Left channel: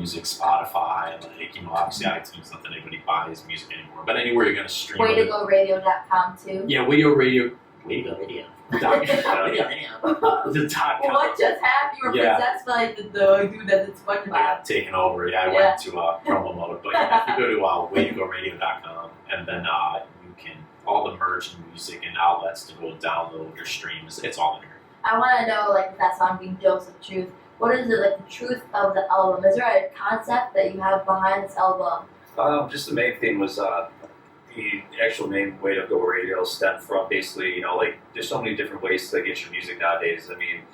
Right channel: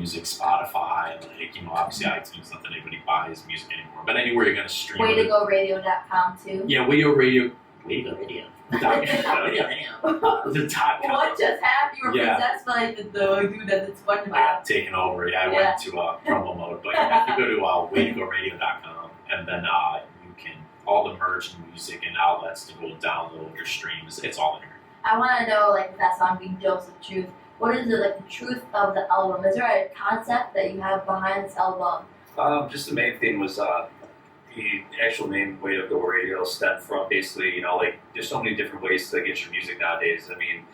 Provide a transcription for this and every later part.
Music, Spotify, like, you know, obviously iTunes, not that anybody buys music anymore, but anywhere you're going to stream it. WayToGoRadio.com too. Yeah, WayToGoRadio. What just happened? You were possessed by the dude that did SpongeBob. I got taken over. Yeah, I went to promo mode. But yeah, if you go to WayToGoRadio.com, and then you can, all the merch and music and outlets to go download your streams, it's all in here. I want to know, like, if that song being Dose of Truth, what is it, like, the truth of the album? Is there a concept that you have behind this album? Just the main thing was the actual name Way to Go Radio stemmed from basically, you know, like, there's so many different ways to get your music nowadays. I mean,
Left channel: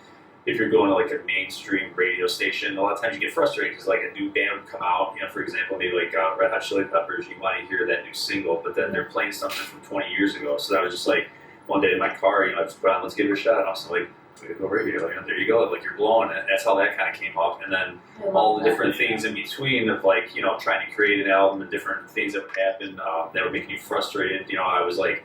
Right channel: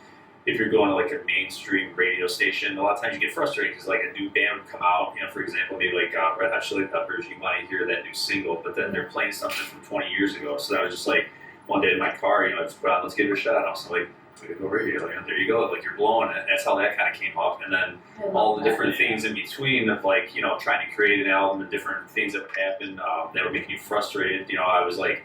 if you're going to like a mainstream radio station, a lot of times you get frustrated because like a new band would come out, you know, for example, maybe like Red Hot Chili Peppers, you want to hear that new single, but then they're playing something from 20 years ago. So that was just like one day in my car, you know, I just put on, let's give it a shot. And I was like, Way to Go Radio, you know, there you go, like you're blowing it. That's how that kind of came up. And then all the different things in between of like, you know, trying to create an album and different things that would happen that would make me frustrated. You know, I was like,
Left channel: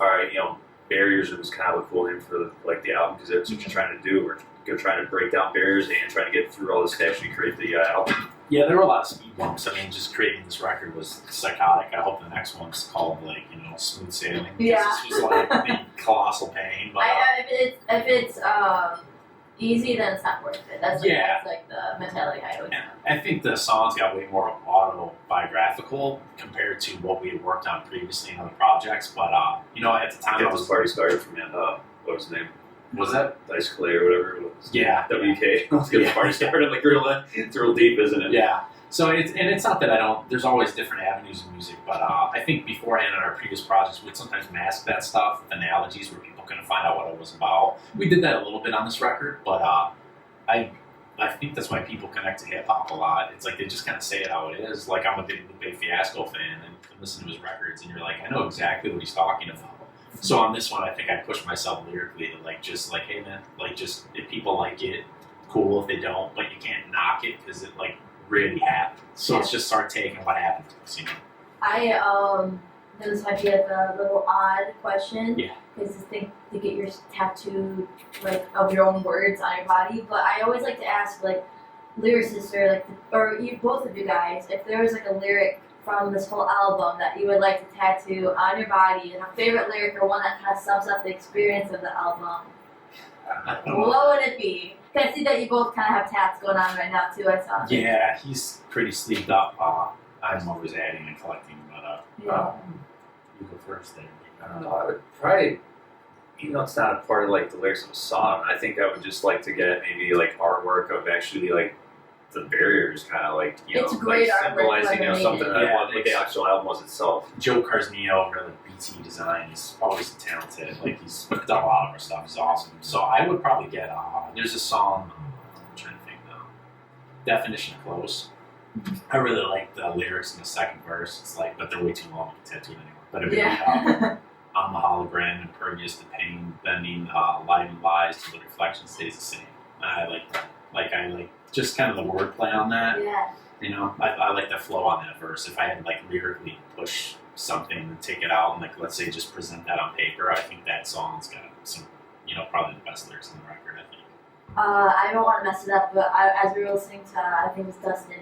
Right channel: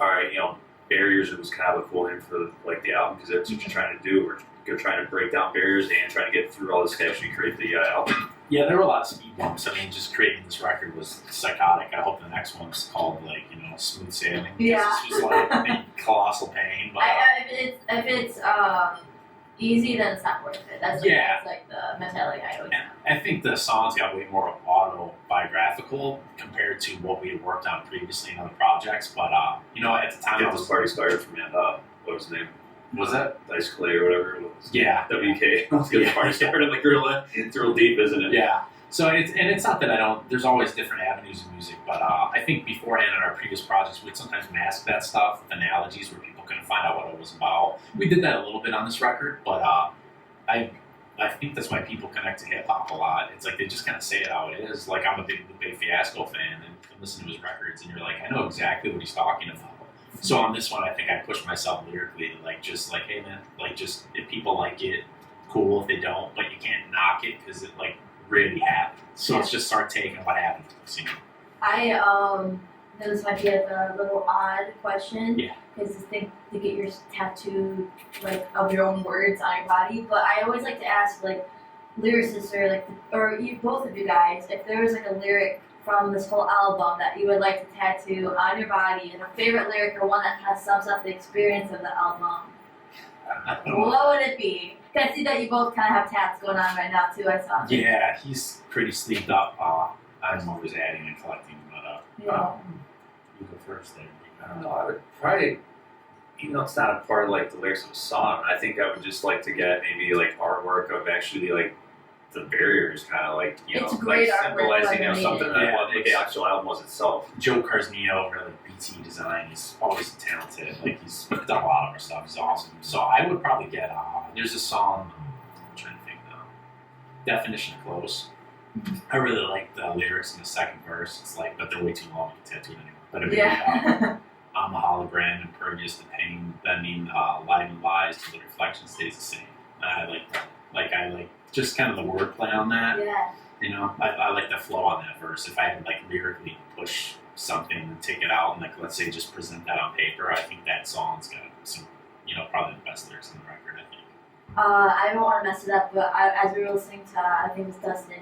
all right, you know, Barriers was kind of a cool name for like the album because that's what you're trying to do. We're trying to break down barriers and trying to get through all this to actually create the album. Yeah, there were a lot of speed bumps. I mean, just creating this record was psychotic. I hope the next one's called, like, you know, Smooth Sailing. Yeah. It's just like colossal pain. But, if it's easy, then it's not worth it. That's like the mentality I always have. I think the songs got way more autobiographical compared to what we had worked on previously in other projects. But, you know, at the time, Get This Party Started from what was his name? Was that Dice Clay or whatever it was? Yeah. WK. Let's get the party started. Like, it's real deep, isn't it? Yeah. So it's not that I don't. There's always different avenues of music, but I think beforehand in our previous projects, we'd sometimes mask that stuff with analogies where people couldn't find out what it was about. We did that a little bit on this record, but I think that's why people connect to hip hop a lot. It's like they just kind of say it how it is. Like, I'm a big Fiasco fan, and you listen to his records, and you're like, I know exactly what he's talking about. So on this one, I think I pushed myself lyrically to like, just like, hey man, like, just if people like it, cool. If they don't, but you can't knock it because it like really happened. So it's just start taking what happened to us, you know. I know this might be a little odd question. Yeah. Because to get your tattoo like of your own words on your body, but I always like to ask like lyricists or both of you guys if there was like a lyric from this whole album that you would like to tattoo on your body, and a favorite lyric or one that kind of sums up the experience of the album. What would it be? I see that you both kind of have tats going on right now too. I saw. Yeah, he's pretty sleeved up. I'm always adding and collecting, but you go first there. I don't know. I would probably, even though it's not a part of like the lyrics of a song, I think I would just like to get maybe like artwork of actually like the barriers, kind of like, you know, like symbolizing, you know, something that what the actual album was itself. Joe Carsnio over at BT Design is always talented. Like, he's done a lot of our stuff. He's awesome. So I would probably get there's a song, I'm trying to think now, Definition of Close. I really like the lyrics in the second verse. It's like, but they're way too long to tattoo anyway. But it'd be like, I'm the hologram, impervious to pain, bending light and lies till the reflection stays the same. And I like that. Like, I like just kind of the wordplay on that. Yeah. You know, I like the flow on that verse. If I had like lyrically push something and take it out and like, let's say, just present that on paper, I think that song's got some, you know, probably the best lyrics on the record, I think. I don't want to mess it up, but as we were listening to, I think it was Dustin,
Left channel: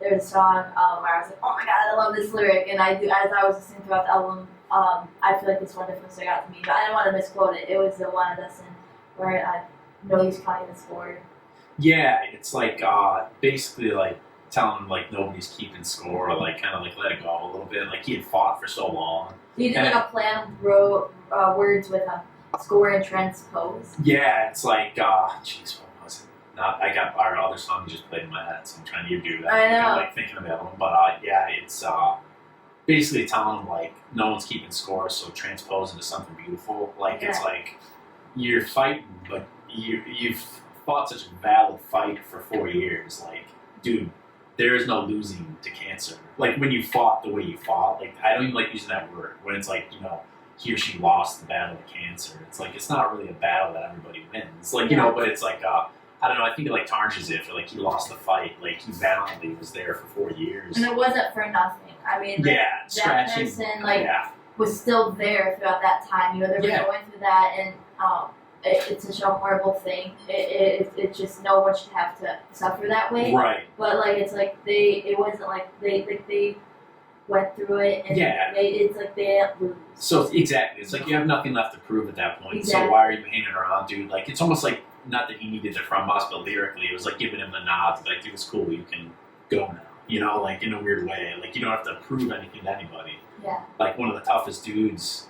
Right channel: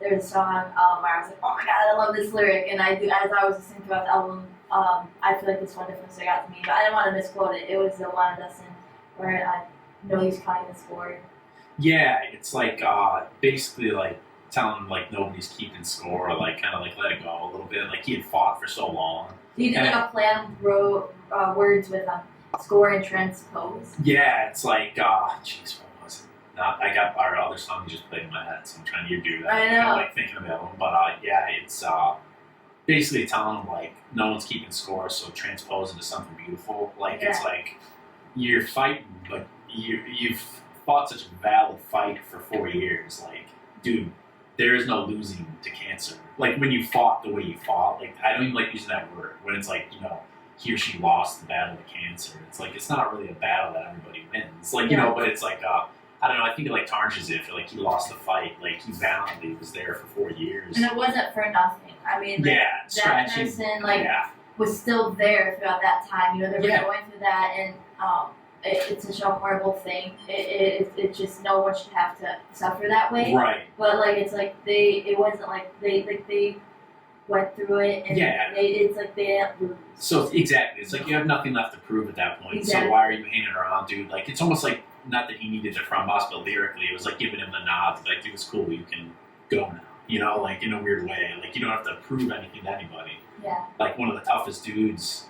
there was a song where I was like, oh my god, I love this lyric, and as I was listening throughout the album, I feel like this one definitely stuck out to me, but I didn't want to misquote it. It was the one of Dustin where I know he's counting the score. Yeah, it's like basically like telling him like nobody's keeping score, or like kind of like let it go a little bit. Like, he had fought for so long. You did like a play on words with score and transpose. Yeah, it's like jeez, what was it? I got our other song just played in my head, so I'm trying to do that. I know. Kind of like thinking about them, but yeah, it's basically telling them like no one's keeping score, so transpose into something beautiful. Like, it's like you're fighting, but you've fought such a valid fight for 4 years. Like, dude, there is no losing to cancer. Like, when you fought the way you fought, like, I don't even like using that word. When it's like, you know, he or she lost the battle of cancer. It's like, it's not really a battle that everybody wins. Like, you know, but it's like, I don't know, I think it like tarnishes it for like, he lost the fight. Like, he valiantly was there for 4 years. And it wasn't for nothing. I mean, like, that person, like, was still there throughout that time. You know, they were going through that, and it's such a horrible thing. It just no one should have to suffer that way. Right. But like it's like it wasn't like they went through it and it's like they didn't lose. So exactly, it's like you have nothing left to prove at that point. Exactly. So why are you hanging around, dude? Like it's almost like not that he needed it from us, but lyrically it was like giving him the nod. Like, dude, it's cool. You can go now. You know, like in a weird way. Like you don't have to prove anything to anybody. Yeah. Like one of the toughest dudes,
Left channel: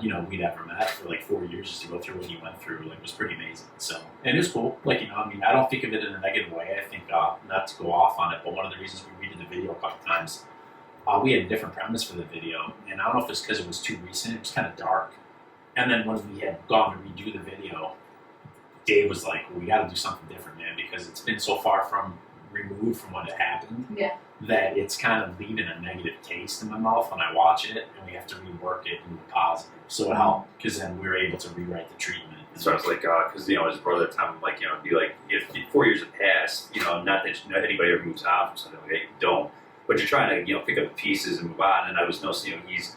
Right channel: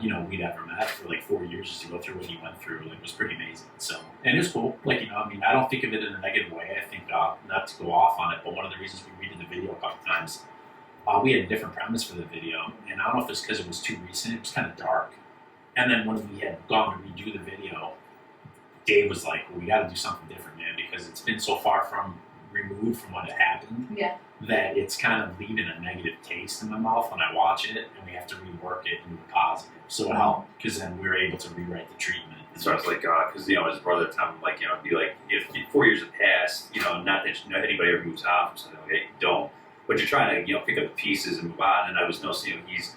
we'd ever met for like 4 years just to go through what he went through. Like it was pretty amazing. So and it was cool. Like I mean, I don't think of it in a negative way. I think not to go off on it, but one of the reasons we redid the video a couple times. We had a different premise for the video, and I don't know if it's because it was too recent. It was kind of dark. And then when we had gone to redo the video, Dave was like, well, we got to do something different, man, because it's been so far removed from what had happened that it's kind of leaving a negative taste in my mouth when I watch it, and we have to rework it into the positive. So it helped, because then we were able to rewrite the treatment. So I was like, because his brother at the time, like, be like, if 4 years have passed, not that anybody ever moves on from something like that, you don't. But you're trying to, pick up the pieces and move on. And I was noticing, he's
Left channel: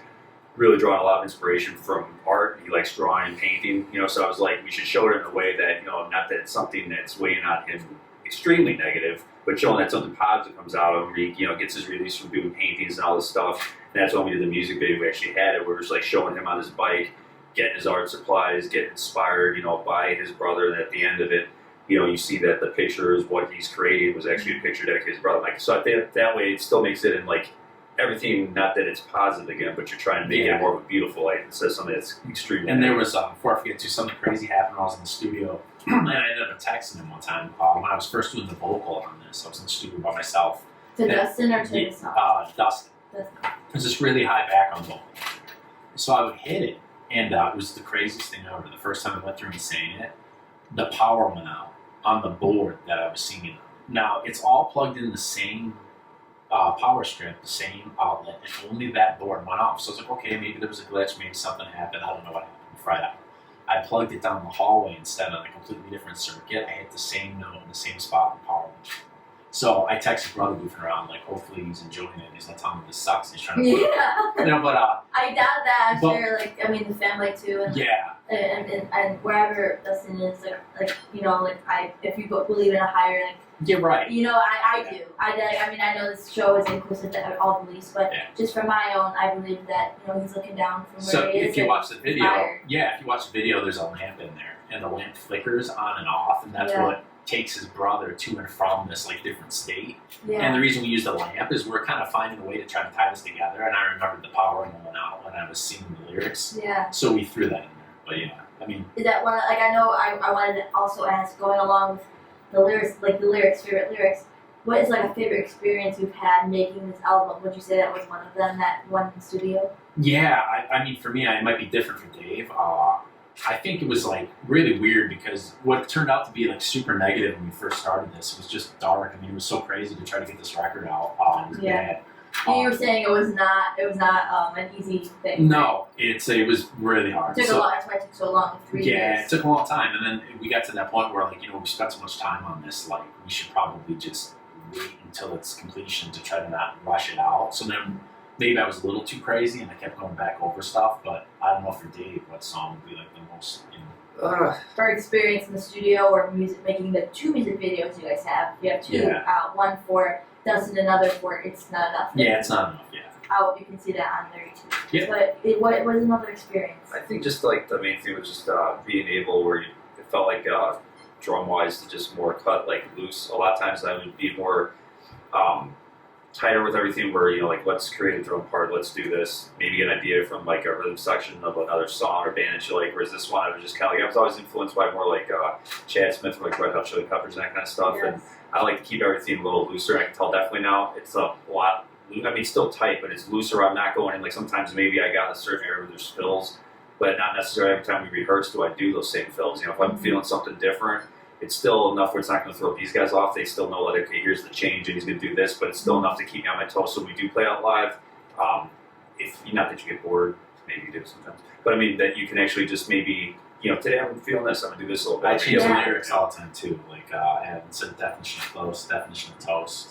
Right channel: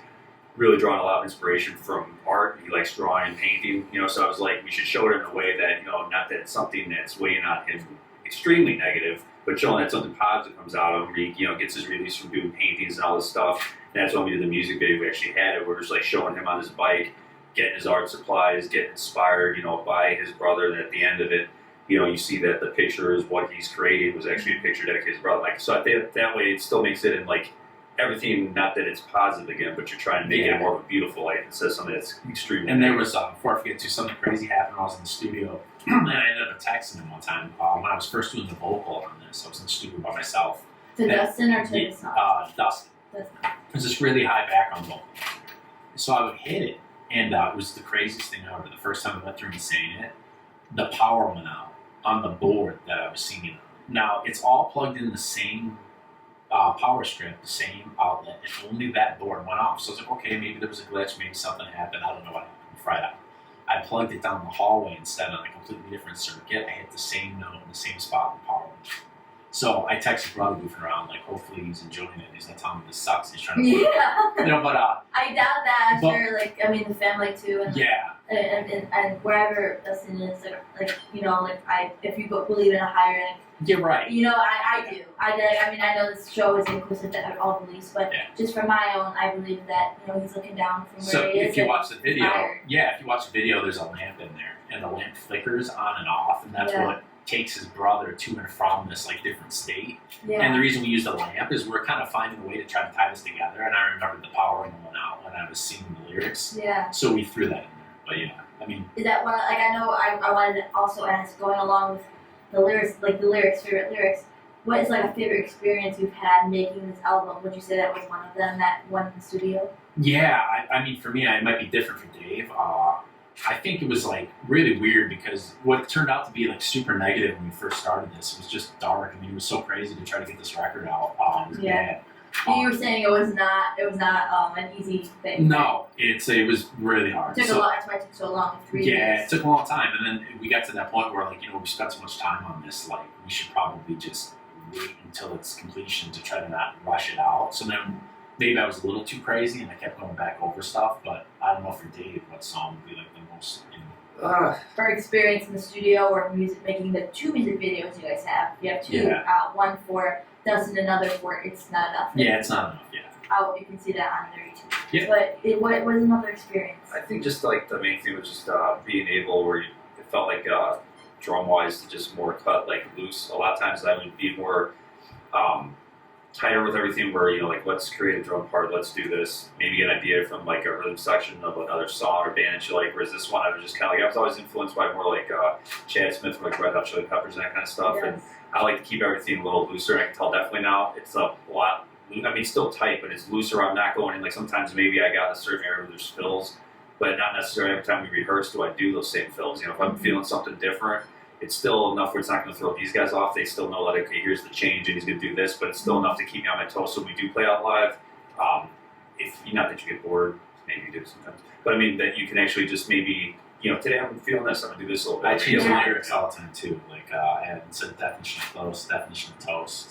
really drawing a lot of inspiration from art. He likes drawing and painting, So I was like, we should show it in a way that, not that it's something that's weighing on him extremely negative, but showing that something positive comes out of him. He, gets his release from doing paintings and all this stuff. And that's when we did the music video. We actually had it. We're just like showing him on his bike, getting his art supplies, getting inspired, by his brother. And at the end of it, you see that the picture is what he's creating was actually a picture dedicated to his brother. Like, so I think that way it still makes it in like everything, not that it's positive again, but you're trying to make it more of a beautiful light instead of something that's extremely. And there was, before I forget too, something crazy happened when I was in the studio, and I ended up texting him one time when I was first doing the vocal on this. I was in the studio by myself. To Dustin or to the song? Dustin. It was this really high background vocal. So I would hit it, and it was the craziest thing ever. The first time I went through and saying it, the power went out on the board that I was singing on. Now, it's all plugged in the same power strip, the same outlet, and only that board went off. So I was like, okay, maybe there was a glitch, maybe something happened, I don't know what happened, fried out. I plugged it down the hallway instead on a completely different circuit. I hit the same note in the same spot and the power went off. So I texted brother goofing around, like, hopefully he's enjoying it. He's not telling me this sucks. He's trying to but I doubt that. I'm sure, the family too. And, and wherever Dustin is, if you believe in a higher end. Yeah, right. I do. I know this show is inclusive to all beliefs, but just for my own, I believe that, he's looking down from where he is. So if you watch the video, there's a lamp in there, and the lamp flickers on and off, and that's what takes his brother to and from this different state. Yeah. And the reason we use the lamp is we're kind of finding a way to try to tie this together. And I remembered the power going out when I was singing the lyrics. Yeah. So we threw that in there. But is that one? I know I wanted to also ask, going along with the lyrics, favorite lyrics. What is a favorite experience you've had making this album? Would you say that was one of them, that one in the studio? Yeah, for me, it might be different for Dave. I think it was really weird because what turned out to be super negative when we first started this was just dark. It was so crazy to try to get this record out. It was bad. You were saying it was not an easy thing. No, it was really hard. It took a lot. That's why it took so long. 3 years. Yeah, it took a long time, and then we got to that point where we spent so much time on this. We should probably just wait until its completion to try to not rush it out. So then. Maybe I was a little too crazy and I kept going back over stuff, but I don't know for Dave what song would be the most. For experience in the studio or making the 2 music videos you guys have. You have 2, one for Dustin, another for It's Not Enough. Yeah, It's Not Enough. Yeah. You can see that on there too. Yeah. But what was another experience? I think just the main thing was just being able where it felt like drum wise to just more cut loose. A lot of times I would be more. Tighter with everything where, let's create a drum part, let's do this. Maybe an idea from a rhythm section of another song or band, whereas this one I was just I was always influenced by more Chad Smith, Red Hot Chili Peppers and that kind of stuff. Yes. And I like to keep everything a little looser, and I can tell definitely now it's a lot, still tight, but it's looser. I'm not going in, sometimes maybe I got a certain area where there's fills, but not necessarily every time we rehearse do I do those same fills. If I'm feeling something different, it's still enough where it's not going to throw these guys off. They still know okay, here's the change, and he's going to do this, but it's still enough to keep me on my toes. So we do play out live. Not that you get bored, maybe you do sometimes, but that you can actually just maybe, today I'm feeling this, I'm going to do this a little bit. I change the lyrics all the time too. Instead of definition of close, definition of toast.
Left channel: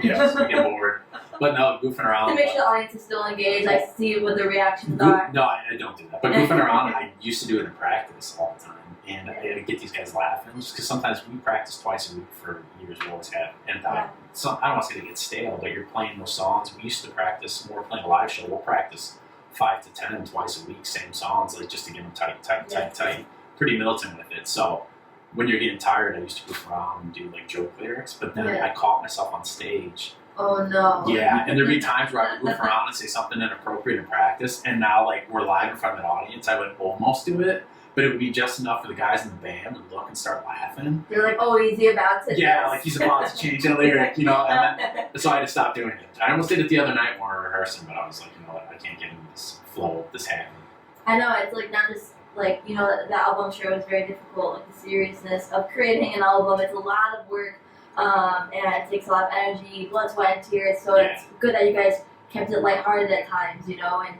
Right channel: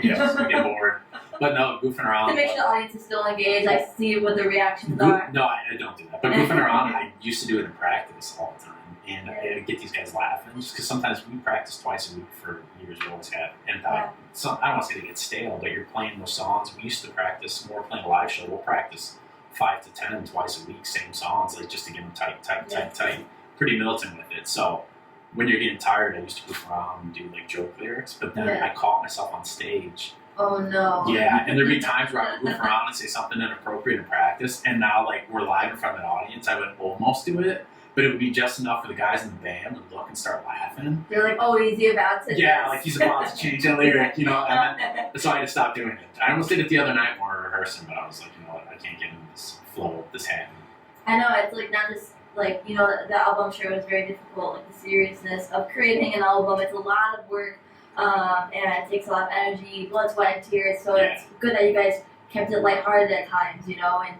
You get bored. But no, goofing around. To make sure the audience is still engaged, I see what the reactions are. No, I don't do that. But goofing around, I used to do it in practice all the time. And I get these guys laughing. Just because sometimes we practice twice a week for years. We always have. And I don't want to say they get stale, but you're playing those songs. We used to practice, when we're playing a live show, we'll practice 5 to 10 twice a week, same songs, like just to get them tight. Pretty militant with it. So when you're getting tired, I used to goof around and do like joke lyrics. But then I caught myself on stage. Oh no. Yeah, and there'd be times where I would goof around and say something inappropriate in practice, and now like we're live in front of the audience, I would almost do it, but it would be just enough for the guys in the band to look and start laughing. They're like, oh, is he about to? Yeah, like he's about to change the lyric, you know. And then, so I had to stop doing it. I almost did it the other night when we were rehearsing, but I was like, you know what, I can't get into this flow, this happening. I know, it's like not just like, you know, the album sure was very difficult, like the seriousness of creating an album. It's a lot of work. And it takes a lot of energy, blood, sweat, and tears. So it's good that you guys kept it lighthearted at times, you know, and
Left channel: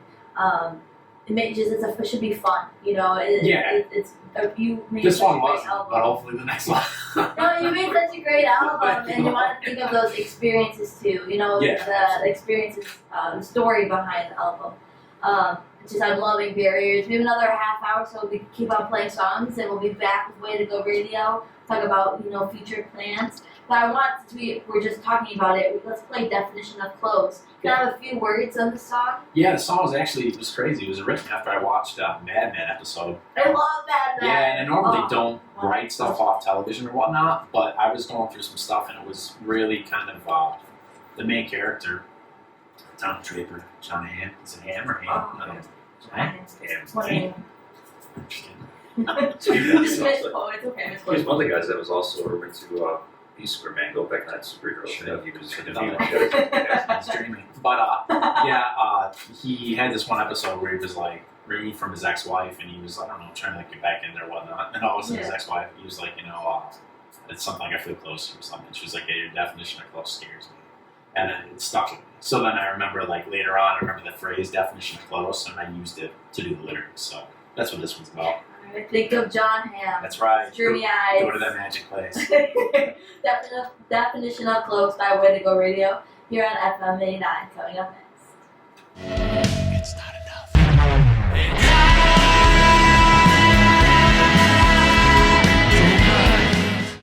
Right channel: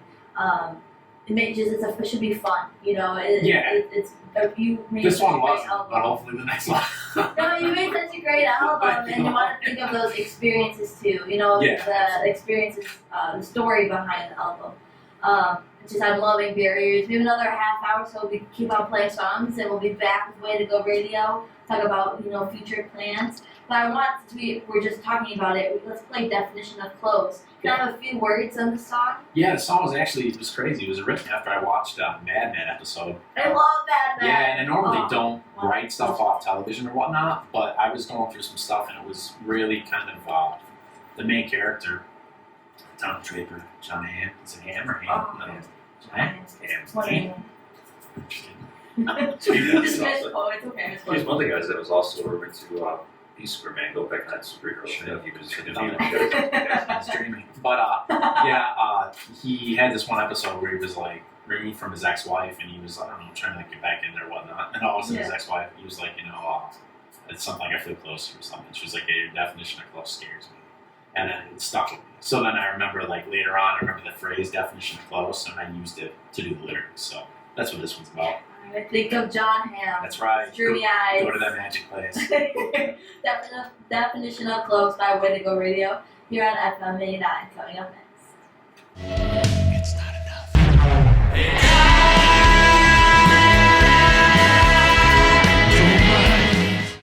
it should be fun, you know. You made this such one a great wasn't, album. but hopefully the next one. No, you made such a great album, and you want to think of those experiences too, you know, the experiences, the story behind the album. I'm loving Barriers. We have another half hour, so we keep on playing songs, and we'll be back with Way to Go Radio, talk about, you know, future plans. But I want, since we're just talking about it, let's play Definition of Clothes. Can I have a few words on the song? Yeah, the song was actually, it was crazy. It was written after I watched Mad Men episode. I love Mad Men. Yeah, and I normally don't write stuff off television or whatnot, but I was going through some stuff, and it was really kind of the main character, Tom Draper, John Hamm. Is it Ham or Ham? I don't know. He's one of the guys that was also over to Peace Square Mango back in that superhero show. He was streaming. But he had this one episode where he was like removed from his ex-wife, and he was, I don't know, trying to like get back in there or whatnot. And all of a sudden his ex-wife, he was like, you know, it's something like I feel close to or something. She was like, yeah, your definition of close scares me. And then it stuck with me. So then I remember, like, later on, I remember the phrase definition of close, and I used it to do the lyrics. So that's what this one's about. I think of John Hamm. That's right. Dreamy eyes. Go to that magic place. Definition of Close by Way to Go Radio here on FM 89. Coming up next. It's not enough.